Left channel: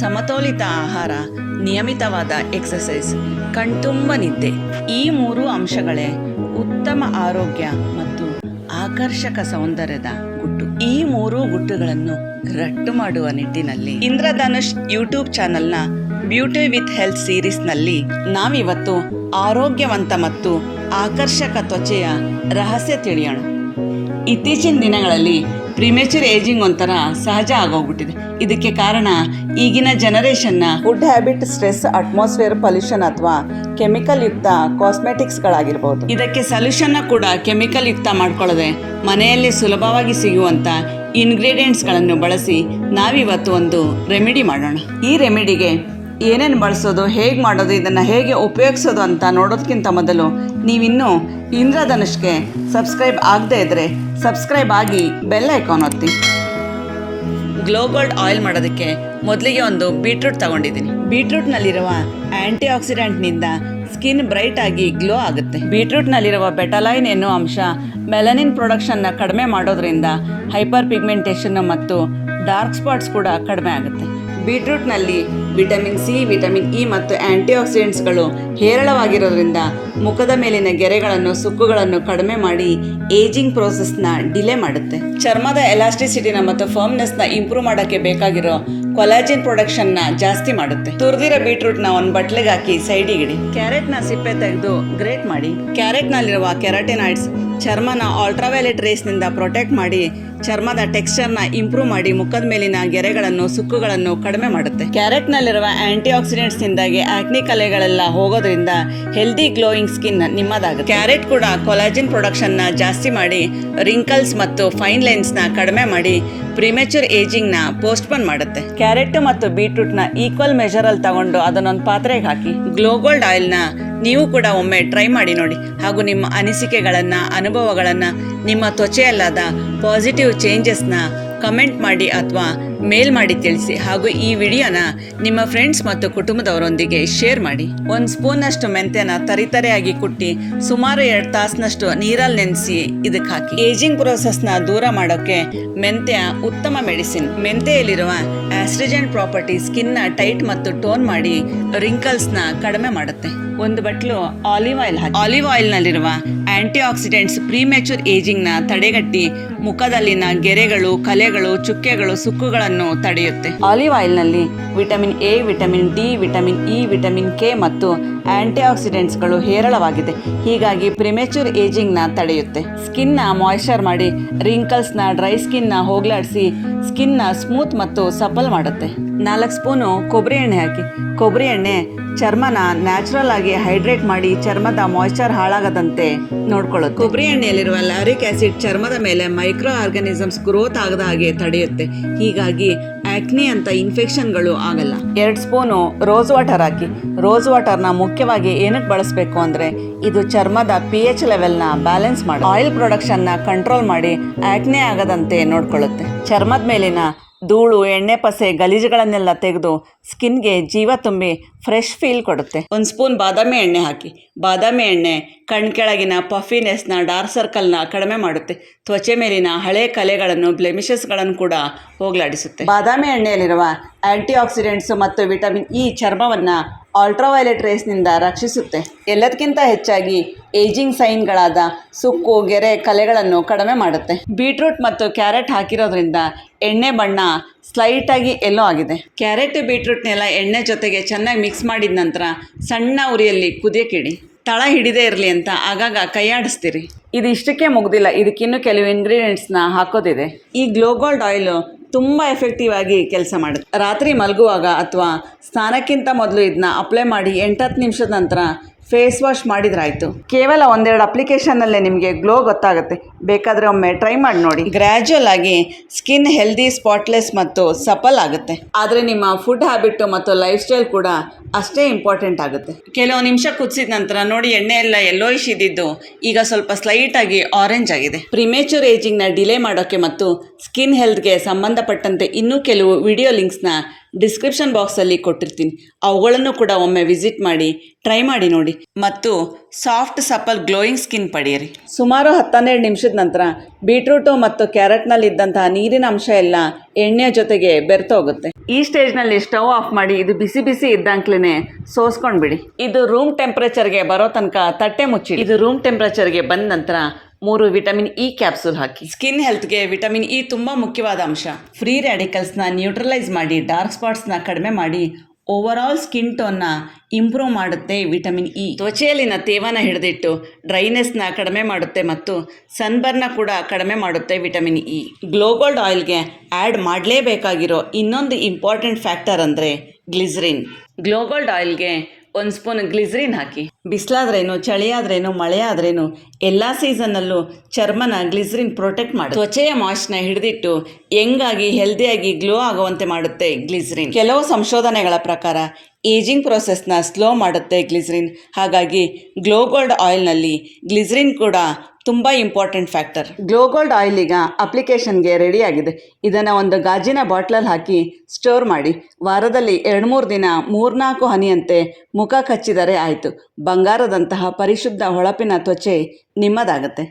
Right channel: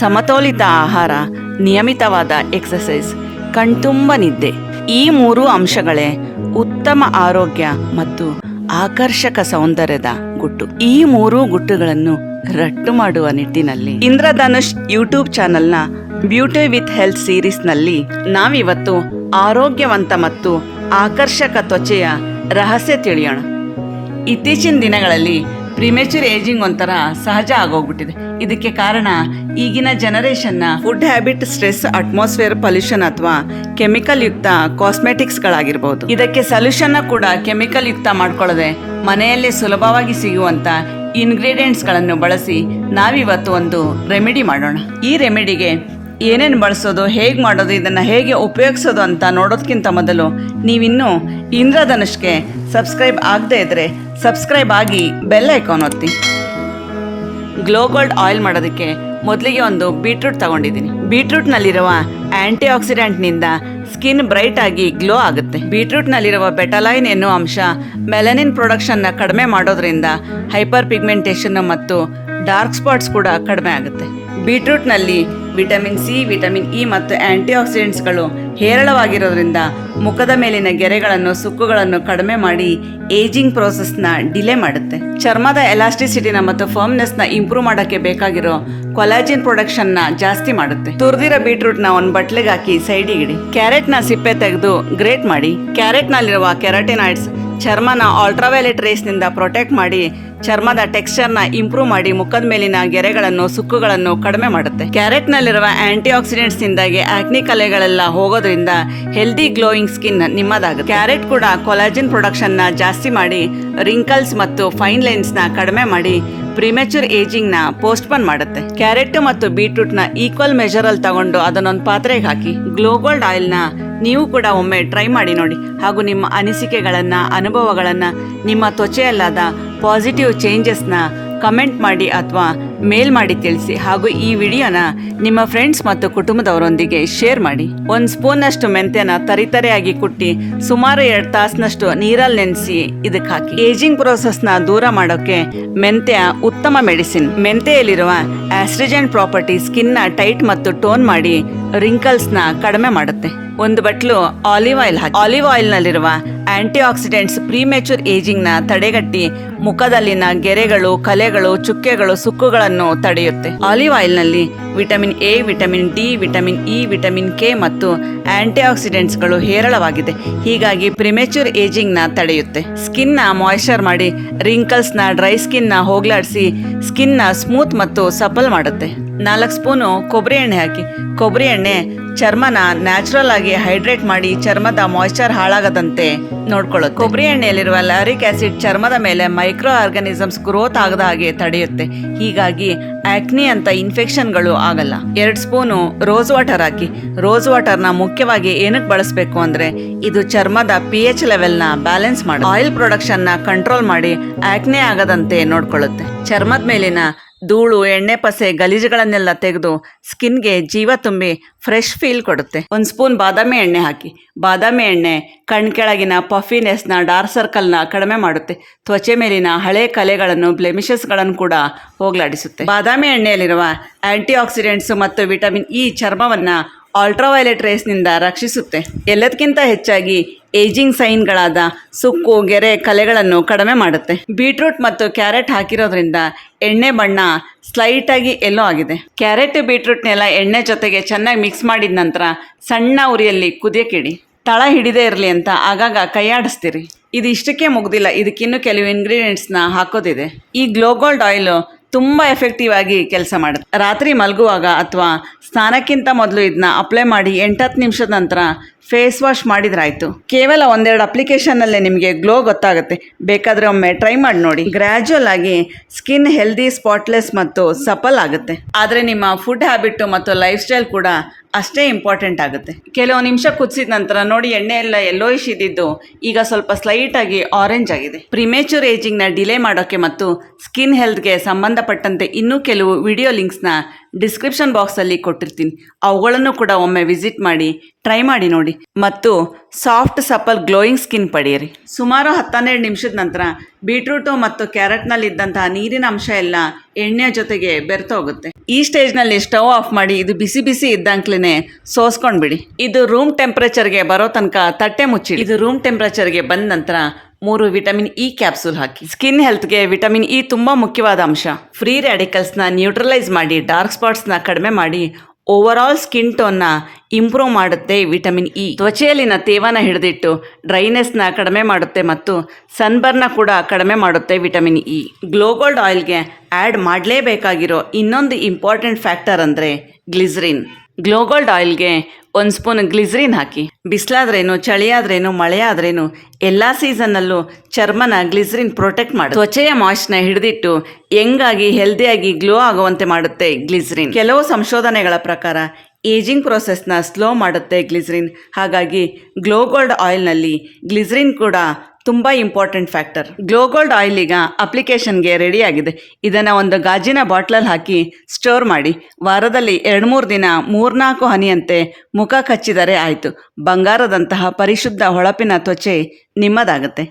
ಸಮತೋಲಿತ ಆಹಾರ, ನಿಯಮಿತವಾದ ಎಕ್ಸಸೈಸ್, ಕಣ್ತುಂಬ ನಿದ್ದೆ, ಈ 3 ಅಂಶಗಳೇ ಉತ್ತಮ ಆರೋಗ್ಯ ಮತ್ತು ಆಕರ್ಷಕ ಸೌಂದರ್ಯದ ಗುಟ್ಟು. ಈ 3 ಗುಟ್ಟುಗಳನ್ನು ರಟ್ಟು ಮಾಡುವ ನಿಟ್ಟಿನಲ್ಲಿ ಇಂದ್ರಧನುಷ್ ಯೂಟ್ಯೂಬ್ ಚಾನೆಲ್ನ ಬ್ಯೂಟಿ ವಿತ್ ಹೆಲ್ತ್ ಸೀರೀಸ್ನಲ್ಲಿ ನಾವಿವತ್ತು ಆರೋಗ್ಯವಂತ ಮತ್ತು ಆಕರ್ಷಕ ತ್ವಚೆಯ ರಹಸ್ಯ ತಿಳಿಯೋಣ. ಇತ್ತೀಚಿನ ದಿನಗಳಲ್ಲಿ ಪ್ರಿಮೇಚರ್ ಏಜಿಂಗ್ ಒಂಥರ ಸಹಜ ಆಗೋಗ್ಬಿಟ್ಟಿದೆ. ಇದಕ್ಕೆ ಕಾರಣ ಈಗಿನ ಜನರೇಷನ್ನ food habit, stress, atmosphere, pollution ಅಥವಾ ಕೆಮಿಕಲ್ ಯುಕ್ತ ಕಾಸ್ಮೆಟಿಕ್ಸ್ಗಳಾಗಿರ್ಬೋದು. ಇದಕ್ಕೆ ಸೊಲ್ಯೂಷನ್ನ ಕೂಡ ಕೆಮಿಕಲ್ ಯುಕ್ತ ಮಾಡ್ಕೊಳ್ಳದೆ ಮನೆಯಲ್ಲಿ ಸುಲಭವಾಗಿ ಸಿಗುವಂಥ ಇಂಗ್ರೀಡಿಯೆಂಟ್ಸ್ಗಳನ್ನು ಬಳಸಿ ನಾವಿವತ್ತು ಒಂದು ರೆಮಿಡಿ ಮಾಡೋಣ. ಈ ರೆಮಿಡಿಗೆ ಏನೇನು ಬಳಸೋದು, ಹೇಗೆ ಮಾಡೋದು, ಇದನ್ನು ಹೇಗೆ ಉಪಯೋಗಿಸೋದು ಅಂತ ನೋಡೋದಕ್ಕಿಂತ ಮೊದಲು ನೀವಿನ್ನೂ ಇಂದ್ರಧನುಷ್ಗೆ ಸಬ್ಸ್ಕ್ರೈಬ್ ಆಗದೇ ಇದ್ದರೆ ಸಬ್ಸ್ಕ್ರೈಬ್ ಆಗಿ ಬೆಲ್ ಐಕಾನ್ ಒತ್ತಿ. ಗ್ಲೋ ಗೋಲ್ಡ್ ಆಯಿಲ್ ಮಾಡೋದಕ್ಕೆ ಮೊದಲಿಗೆ ಒಂದು ಬೀಟ್ರೂಟ್ ತಗೊಂಡಿದ್ದೀನಿ. ಬೀಟ್ರೂಟ್ನಲ್ಲಿರುವ ಆ್ಯಂಟಿ ಆಕ್ಸಿಡೆಂಟ್ನಿಂದ ಸ್ಕಿನ್ ಬ್ರೈಟ್ ಆಗಿ ಗ್ಲೋ ಆಗುತ್ತೆ. ಬೀಟ್ರೂಟ್ನಲ್ಲಿರುವ ಬೆಟಲೈನ್ ಎನ್ನುವ ಅಂಶ ಮೆಲನಿನ್ ಪ್ರೊಡಕ್ಷನ್ನ ಕಡಿಮೆ ಮಾಡೋದ್ರಿಂದ ಹೈಪರ್ ಪಿಗ್ಮೆಂಟೇಷನ್ ಮತ್ತು ಡಾರ್ಕ್ ಸ್ಪಾಟ್ಸ್ ಕೂಡ ಕಡಿಮೆ ಆಗುತ್ತೆ. ಬೀಟ್ರೂಟ್ನಲ್ಲಿ ವಿಟಮಿನ್ ಸಿ, ವಿಟಮಿನ್ ಇ ಮತ್ತು ಆ್ಯಂಟಿ ಆಕ್ಸಿಡೆಂಟ್ಸ್ಗಳು ಹೇರಳವಾಗಿರೋದ್ರಿಂದ ಮುಖದ ಮೇಲಿನ ಗೆರೆಗಳನ್ನು, ಸುಕ್ಕುಗಳನ್ನು ಕಡಿಮೆ ಮಾಡಿ ಏಜಿಂಗ್ ಪ್ರೋಸೆಸ್ನ ಡಿಲೇ ಮಾಡುತ್ತೆ. ಚರ್ಮದ ಎಲಾಸ್ಟಿಸಿಟಿನ ಮತ್ತು ಫರ್ಮ್ನೆಸ್ನ ಇಂಪ್ರೂವ್ ಮಾಡೋಕ್ಕೆ ಬೇಕಾಗಿರೋ ಕೊಲಾಜಿನ್ ಪ್ರೊಡಕ್ಷನ್ನ ಜಾಸ್ತಿ ಮಾಡುತ್ತೆ. ತುರಿದಿರೋ ಬೀಟ್ರೂಟ್ನ ಒಂದು ಬಟ್ಲಿಗೆ ಹಾಕಿ ಸೈಡಿಗೆ ಇಡಿ. ಕ್ಯಾರೆಟ್ನ ಸಿಪ್ಪೆ ತೆಗೆದು ಗ್ರೇಟ್ ಮಾಡಿ. ಕ್ಯಾರೆಟ್ನಲ್ಲಿರುವ ಕೆರಾಟಿನಾಯ್ಡ್ಸ್ ಚರ್ಮನ ಅಲ್ಟ್ರಾವೈಲೆಟ್ ರೇಸ್ನಿಂದ ಪ್ರೊಟೆಕ್ಟ್ ಮಾಡಿ ಚರ್ಮದ ಟೆಕ್ಸ್ಚರ್ನ ಇಂಪ್ರೂವ್ ಮಾಡಿ ಮುಖದ ಮೇಲಿನ ಗೆರೆಗಳನ್ನು, ಸುಕ್ಕುಗಳನ್ನು ಕಡಿಮೆ ಮಾಡುತ್ತೆ. ಕ್ಯಾರೆಟ್ನಲ್ಲಿರುವ ಆಂಟಿ ಆಕ್ಸಿಡೆಂಟ್ಸ್ನಿಂದಾಗಿ ಆಕ್ನಿ ಕಲೆಗಳೆಲ್ಲ ಹೋಗೋದ್ರಿಂದ ಹೆಲ್ದಿ ಗ್ಲೋಯಿಂಗ್ ಸ್ಕಿನ್ ನಿಮ್ಮದಾಗುತ್ತೆ. ಕ್ಯಾರೆಟ್ ಕೂಡ ಕೊಲಾಜಿನ್ ಪ್ರೊಡಕ್ಷನ್ನ ಜಾಸ್ತಿ ಮಾಡಿ ರಿಂಕಲ್ಸ್ ಮತ್ತು ಫೈನ್ ಲೈನ್ಸ್ನ ಕಡಿಮೆ ಮಾಡಿ ಪ್ರಿಮೇಚರ್ ಏಜಿಂಗ್ನ ಪೋಸ್ಟ್ಪೋನ್ ಮಾಡುತ್ತೆ. ಕ್ಯಾರೆಟ್ ಮತ್ತು ಬೀಟ್ರೂಟ್ನ ಈಕ್ವಲ್ ಮೆಜರಲ್ಲಿ ತಗೊಂಡು ಅದನ್ನೊಂದು ಪಾತ್ರೆಗೆ ಹಾಕಿ ಗ್ಲೋ ಗೋಲ್ಡ್ ಆಯಿಲ್ನ ನೀವು ಕೂಡ ಒಮ್ಮೆ ಟ್ರೈ ಮಾಡಿ ನೋಡಿ. ಹಾಗೂ ನಿಮ್ಮ ಅನಿಸಿಕೆಗಳನ್ನು, ಅನುಭವಗಳನ್ನು, ನಿಮ್ಮ ತ್ವಚೆಯಲ್ಲಾದ ಪಾಸಿಟಿವ್ ಚೇಂಜಸ್ನ ಕಮೆಂಟ್ ಮಾಡಿ ಅಥವಾ ಮೇಲ್ ಮಾಡಿ ತಿಳಿಸಿ. ಹಾಗೂ ಈ ವಿಡಿಯೋನ ನಿಮ್ಮ ಫ್ರೆಂಡ್ಸ್ ಮತ್ತು ಕುಟುಂಬದವರೊಂದಿಗೆ ಶೇರ್ ಮಾಡಿ. 1 ಸ್ಪೂನ್ನಷ್ಟು ಮೆಂತ್ಯನ ತರಿತರೆಯಾಗಿ ಕುಟ್ಟಿ ಸುಮಾರು 2 ತಾಸಿನಷ್ಟು ನೀರಲ್ಲಿ ನೆನೆಸಿ ಇದಕ್ಕೆ ಹಾಕಿ. ಏಜಿಂಗ್ ಪ್ರೋಸೆಸ್ನ ದೂರ ಮಾಡೋಕ್ಕೆ ಮೆಂತ್ಯ ಉತ್ತಮ ಮೆಡಿಸಿನ್. ಮೆಂತ್ಯೆಯಲ್ಲಿರುವ ಆಸ್ಟ್ರಿಜೆಂಟ್ ಪ್ರಾಪರ್ಟಿ ಸ್ಕಿನ್ನ ಟೈಟ್ ಮತ್ತು ಟೋನ್ ಮಾಡಿ ರಿಂಕಲ್ಸ್ನ ಕಡಿಮೆ ಮಾಡುತ್ತೆ. 1 ಬಟ್ಲು ಆಲಿವ್ ಆಯಿಲ್ ಹಾಕಿ. ಆಲಿವ್ ಆಯಿಲ್ನಲ್ಲಿರುವ ಆಂಟಿ ಆಕ್ಸಿಡೆಂಟ್ಸ್ ಪ್ರಿಮೇಚರ್ ಏಜಿಂಗ್ನ ತಡೆಗಟ್ಟಿ ಮುಖದಲ್ಲಿನ ಗೆರೆಗಳು, ಕಲೆಗಳು, ಚುಕ್ಕೆಗಳು, ಸುಕ್ಕುಗಳನ್ನು ತಡೆಯುತ್ತೆ. ಆಲಿವ್ ಆಯಿಲ್ನಲ್ಲಿ vitamin A, vitamin D, vitamin E, vitamin K ಮತ್ತು ಆಂಟಿ ಆಕ್ಸಿಡೆಂಟ್ಸ್ಗಳು ಹೇರಳವಾಗಿದೆ. ಹೀಗಾಗಿ ಪ್ರಿಮೇಚರ್ ಏಜಿಂಗ್ನ ತಡೆಯುತ್ತೆ. ಸ್ಕಿನ್ನ ಮಾಯ್ಶ್ಚರ್ ಮಾಡಿ ರಿಂಕಲ್ಸ್ನ, ಡ್ರೈ ಸ್ಕಿನ್ನ ಹೋಗ್ಲಾಡಿಸಿ ಸ್ಕಿನ್ನ ಸ್ಮೂತ್ ಮತ್ತು ಸಪಲ್ ಮಾಡುತ್ತೆ. 4 ಸ್ಪೂನು ಕೊಬ್ಬರಿ ಎಣ್ಣೆ ಹಾಕಿ. ಕೊಬ್ಬರಿ ಎಣ್ಣೆ ಚರ್ಮನ ನ್ಯಾಚುರಲ್ ಆಗಿ ಹೈಡ್ರೇಟ್ ಮಾಡಿ ಚರ್ಮದ ಮಾಯ್ಶ್ಚರ್ ಹಾಳಾಗದಂತೆ ನೋಡ್ಕೊಳ್ಳುತ್ತೆ. ಕೊಬ್ಬರಿ ಎಣ್ಣೆಯಲ್ಲಿರುವ ಲ್ಯಾರಿಕ್ ಆಸಿಡ್ ಚರ್ಮದ ಮೇಲೆ ಮೈಕ್ರೋ ಆರ್ಗಾನಿಸಮ್ಸ್ ಗ್ರೋತ್ ಆಗದ ಹಾಗೆ ತಡೆಯುತ್ತೆ. ಹೀಗಾಗಿ ಆಕ್ನಿ ಅಂತ ಇನ್ಫೆಕ್ಷನ್ಗಳು ಆಗಲ್ಲ. 2 ಸ್ಪೂನು ರೋಸ್ ವಾಟರ್ ಹಾಕಿ. ರೋಸ್ ವಾಟರ್ನ ಮುಖ್ಯವಾಗಿ ಏನಕ್ಕೆ ಬಳಸಬೇಕು ಅಂದರೆ ಇದು ಚರ್ಮದ pH ಲೆವೆಲ್ನ ಬ್ಯಾಲೆನ್ಸ್ ಮಾಡಿ ಆಯಿಲ್ ಪ್ರೊಡಕ್ಷನ್ನ ಕಂಟ್ರೋಲ್ ಮಾಡಿ ಆಕ್ನಿ ಆಗದಂತೆ ನೋಡ್ಕೊಳ್ಳುತ್ತೆ. ಚರ್ಮದ ಮೇಲಿನ ಧೂಳು, ಎಣ್ಣೆ ಪಸೆ, ಗಲೀಜುಗಳನ್ನೆಲ್ಲ ತೆಗೆದು ಸ್ಕಿನ್ಗೆ ಜೀವ ತುಂಬಿ ಫ್ರೆಶ್ ಫೀಲ್ ಕೊಡುತ್ತೆ. 1 ಸ್ಪೂನ್ ಬಾದಾಮಿ ಎಣ್ಣೆ ಹಾಕಿ. ಬಾದಾಮಿ ಎಣ್ಣೆ ಕಣ್ ಕೆಳಗಿನ ಪಫಿನೆಸ್ನ, ಡಾರ್ಕ್ ಸರ್ಕಲ್ನ ಕಡಿಮೆ ಮಾಡುತ್ತೆ. ತ್ವಚೆ ಮೇಲಿನ ಹಳೆ ಕಲೆಗಳನ್ನು, ಬ್ಲೆಮಿಷಸ್ಗಳನ್ನು ಕೂಡ ಹೋಗಲಾಡಿಸುತ್ತೆ. ಬಾದಾಮಿ ಎಣ್ಣೆಯಲ್ಲಿರುವ ಆಂಟಿ ಆಕ್ಸಿಡೆಂಟ್ಸ್ ಮತ್ತು ವಿಟಮಿನ್ ಇ ಚರ್ಮವನ್ನು ಅಲ್ಟ್ರಾವೈಲೆಟ್ ರೇಸ್ನಿಂದ ರಕ್ಷಿಸುತ್ತೆ. ಎಲ್ಲದಕ್ಕಿಂತ ಹೆಚ್ಚಾಗಿ ಏಜಿಂಗ್ ಸೈನ್ಗಳಾದ ಸುಕ್ಕು, ಗೆರೆ, ಕಲೆಗಳನ್ನು ಕಡಿಮೆ ಮಾಡುತ್ತೆ. ಬೀಟ್ರೂಟ್ ಮತ್ತು ಕ್ಯಾರೆಟ್ ಹಾಕಿರೋದ್ರಿಂದ ಎಣ್ಣೆ ಬಣ್ಣ ಸ್ಲೈಟಾಗಿ ಎಲ್ಲೋ ಆಗಿದೆ. ಕ್ಯಾರೆಟ್, ಬೀಟ್ರೂಟ್ನೆಲ್ಲ ಎಣ್ಣೆ ಜೊತೆಗೆ ಚೆನ್ನಾಗಿ ಮಿಕ್ಸ್ ಮಾಡಿದ ನಂತರ ಸಣ್ಣ ಉರಿಯಲ್ಲಿ ಕುದಿಯಕ್ಕಿಡಿ. ತಳ ಹಿಡಿದೇ ಇರಲಿ ಅಂತ ಆಗಾಗ ಕೈಯಾಡಿಸ್ತೀರಿ. ಇದು ಇಷ್ಟಕ್ಕೆ ಮುಗ್ದಿಲ್ಲ, ಇದಕ್ಕಿನ್ನೂ ಕೆಲವು ಇಂಗ್ರೀಡಿಯೆಂಟ್ಸ್ನ ಹಾಕೋದಿದೆ. ಈ ಗ್ಲೋ ಗೋಲ್ಡ್ ಆಯಿಲು ತುಂಬ ಎಫೆಕ್ಟಿವ್ ಆಗಿ ಕೆಲಸ ಮಾಡುತ್ತೆ. ರಾತ್ರಿ ಮಲಗುವಾಗ ಅಥವಾ ಸ್ನಾನಕ್ಕಿಂತ ಮೊದಲು ಇದನ್ನ ಅಪ್ಲೈ ಮಾಡಿ 8-10 ನಿಮಿಷದ ನಂತರ ಫೇಸ್ ವಾಶ್ ಮಾಡಿದ್ರಾಯ್ತು. ಕೇವಲ 1-2 ಅಪ್ಲಿಕೇಶನ್ನಲ್ಲೇ ನಿಮಗೆ ಗ್ಲೋ ಗೊತ್ತಾಗುತ್ತೆ. ಬೇಕಾದರೆ ಒಮ್ಮೆ ಟ್ರೈ ಮಾಡಿ ನೋಡಿ. ಗ್ರ್ಯಾಜುವಲ್ ಆಗಿ ಸ್ಕಿನ್ ಹೆಲ್ದಿ, ಸ್ಪಾಟ್ಲೆಸ್ ಮತ್ತು ಸಪಲ್ ಆಗುತ್ತೆ. ಆದರೆ ನಿಮ್ಮ ಫುಡ್ ಹ್ಯಾಬಿಟ್ಟು ಮತ್ತು ಲೈಫ್ ಸ್ಟೈಲ್ ಕೂಡ ಅಷ್ಟೇ ಇಂಪಾರ್ಟೆಂಟ್ ಆಗುತ್ತೆ. ಕೆಲವು ನಿಮಿಷ ಕುದಿಸಿದ ನಂತರ ನೋಡಿ ಎಣ್ಣೆ ಎಲ್ಲ ಯೆಲ್ಲೋಯಿಶ್ ಇದ್ದಿದ್ದು ಈಗ ಸ್ವಲ್ಪ ಸ್ಲೈಟಾಗಿ ಆರೆಂಜ್ ಆಗಿದೆ. ಪ್ರಿಮೇಚರ್ ಏಜಿಂಗ್ನ ಡಿಲೇ ಮಾಡೋಕ್ಕೆ ಮತ್ತು ಸ್ಕಿನ್ ಹೆಲ್ತ್ಗೆ ಸಂಬಂಧಪಟ್ಟಂತೆ ಇನ್ನೂ ಕೆಲವು ವಿಡಿಯೋ ಲಿಂಕ್ಸ್ನ ಡಿಸ್ಕ್ರಿಪ್ಷನ್ ಬಾಕ್ಸಲ್ಲಿ ಕೊಟ್ಟಿರ್ತೀನಿ. ಅವುಗಳನ್ನು ಕೂಡ ಒಮ್ಮೆ ವಿಸಿಟ್ ಮಾಡಿ ಟ್ರೈ ಮಾಡಿ ನೋಡಿ ಮತ್ತು ಸಾಫ್ಟ್ ಸಪಲ್ ಗ್ಲೋಯಿಂಗ್ ಸ್ಕಿನ್ ಪಡೆಯಿರಿ. ಸುಮಾರು 10-12 ನಿಮಿಷದ ನಂತರ ಬೀಟ್ರೂಟು ಮತ್ತು ಕ್ಯಾರೆಟ್ನಲ್ಲಿದ್ದಂತಹ ನೀರಿನ ಅಂಶ ಎಲ್ಲ ಎಣ್ಣೆ ಜೊತೆಗೆ ಬೆರೆತೋಗುತ್ತೆ. ಈ ಸ್ಟೇಜ್ನಲ್ಲಿ ಸ್ಟವ್ ಆಫ್ ಮಾಡಿ ಇದು ಬಿಸಿ ಬಿಸಿ ಇದ್ದಂಕ್ಲೇ ಸೋಸ್ಕೊಂಡ್ಬಿಡಿ. ಇದು ರೂಮ್ ಟೆಂಪ್ರೇಚರ್ಗೆ ಬರೋ ತನಕ ತಟ್ಟೆ ಮುಚ್ಚಿ. ಇದು ರೂಮ್ ಟೆಂಪ್ರೇಚರ್ಗೆ ಬಂದ ನಂತರ 3 ವಿಟಮಿನ್ ಇ ಕ್ಯಾಪ್ಸೂಲ್ ಹಾಕಿ. ಸ್ಕಿನ್ ಹೆಲ್ತ್ಗೆ ವಿಟಮಿನ್ ಇ ತುಂಬ ಮುಖ್ಯವಾದ ಅಂಶ. ಫ್ರೀ ರ್ಯಾಡಿಕಲ್ಸ್ನ ನ್ಯೂಟ್ರಲೈಸ್ ಮಾಡಿ, ಡಾರ್ಕ್ ಸ್ಪಾಟ್ಸ್ನ ಕಡಿಮೆ ಮಾಡಿ, ಓವರಾಲ್ ಸ್ಕಿನ್ ಟೋನ್ನ ಇಂಪ್ರೂವ್ ಮಾಡುತ್ತೆ ವಿಟಮಿನ್ ಇ. ತ್ವಚೆಯಲ್ಲಿನ ತೇವಾನ ಹಿಡಿದಿಟ್ಟು ಡ್ರೈನೆಸ್ನ ಕಡಿಮೆ ಮಾಡುತ್ತೆ ಮತ್ತು ಸನ್ಬರ್ನ ಕೂಡ ಕಡಿಮೆ ಮಾಡುತ್ತೆ ವಿಟಮಿನ್ ಇ. ಗ್ಲೋ ಗೋಲ್ಡ್ ಆಯಿಲ್ಗೆ ಆ್ಯಡ್ ಮಾಡಲೇಬೇಕಾಗಿರೋ ಇನ್ನೊಂದು ಇಂಪಾರ್ಟೆಂಟ್ ಫ್ಯಾಕ್ಟರ್ ಅಂದರೆ ಗ್ಲಿಸರಿನ್. ಗ್ಲೋ ಗೋಲ್ಡ್ ಆಯಿಲ್ಗೆ 1 ಸ್ಪೂನ್ ಗ್ಲಿಸರಿನ್ ಹಾಕಿ. ಬಿಸಿಲಾದ್ರೇನು, ಚಳಿಯಾದ್ರೇನು, ಮಳೆಯಾದ್ರೇನು ಎಲ್ಲ ಸೀಸನ್ನಲ್ಲೂ ಚರ್ಮನ ಗ್ಲಿಸರಿನ್ ಪ್ರೊಟೆಕ್ಟ್ ಮಾಡುತ್ತೆ. ತ್ವಚೆಯ ಮಾಯ್ಸ್ನ ಹಿಡಿದಿಟ್ಟು ಯಂಗಾಗಿ ಹೆಲ್ದಿಯಾಗಿ ಗ್ಲೋ ಆಗುವಂತೆ ಮಾಡುತ್ತೆ ಗ್ಲಿಸರಿನ್. ಕೆಲವು ಸಂಶೋಧನೆಗಳ ಪ್ರಕಾರ ಏಜಿಂಗ್ ಪ್ರೋಸೆಸ್ನ ಸ್ಲೋ ಮಾಡುತ್ತೆ ಗ್ಲಿಸರಿನ್. ಹಾಗಾಗಿ ಗ್ಲೋ ಗೋಲ್ಡ್ ಆಯಿಲ್ನಲ್ಲಿ ಗ್ಲಿಸರಿನ್ ಕೂಡ ತುಂಬ important factor. Glow gold oil ಈಗ ಅಪ್ಲಿಕೇಶನ್ಗೆ ರೆಡಿಯಾಗಿದೆ. ಇದನ್ನು ಒಂದು ಗಾಜಿನ ಬಾಟ್ಲಲ್ಲಿ ಹಾಕಿ ಸ್ಟೋರ್ ಮಾಡಿ. ವಾರದಲ್ಲಿ 2-3 ದಿನ 3-4 ಹನಿಯಂತೆ ಮುಖ ಕಚ್ಚಿದರೆ ಆಯಿತು. ಬಂಗಾರದಂತಹ ಪರಿಶುದ್ಧ ಹೊಳಪಿನ ತ್ವಚೆ ನಿಮ್ಮದಾಗುತ್ತೆ.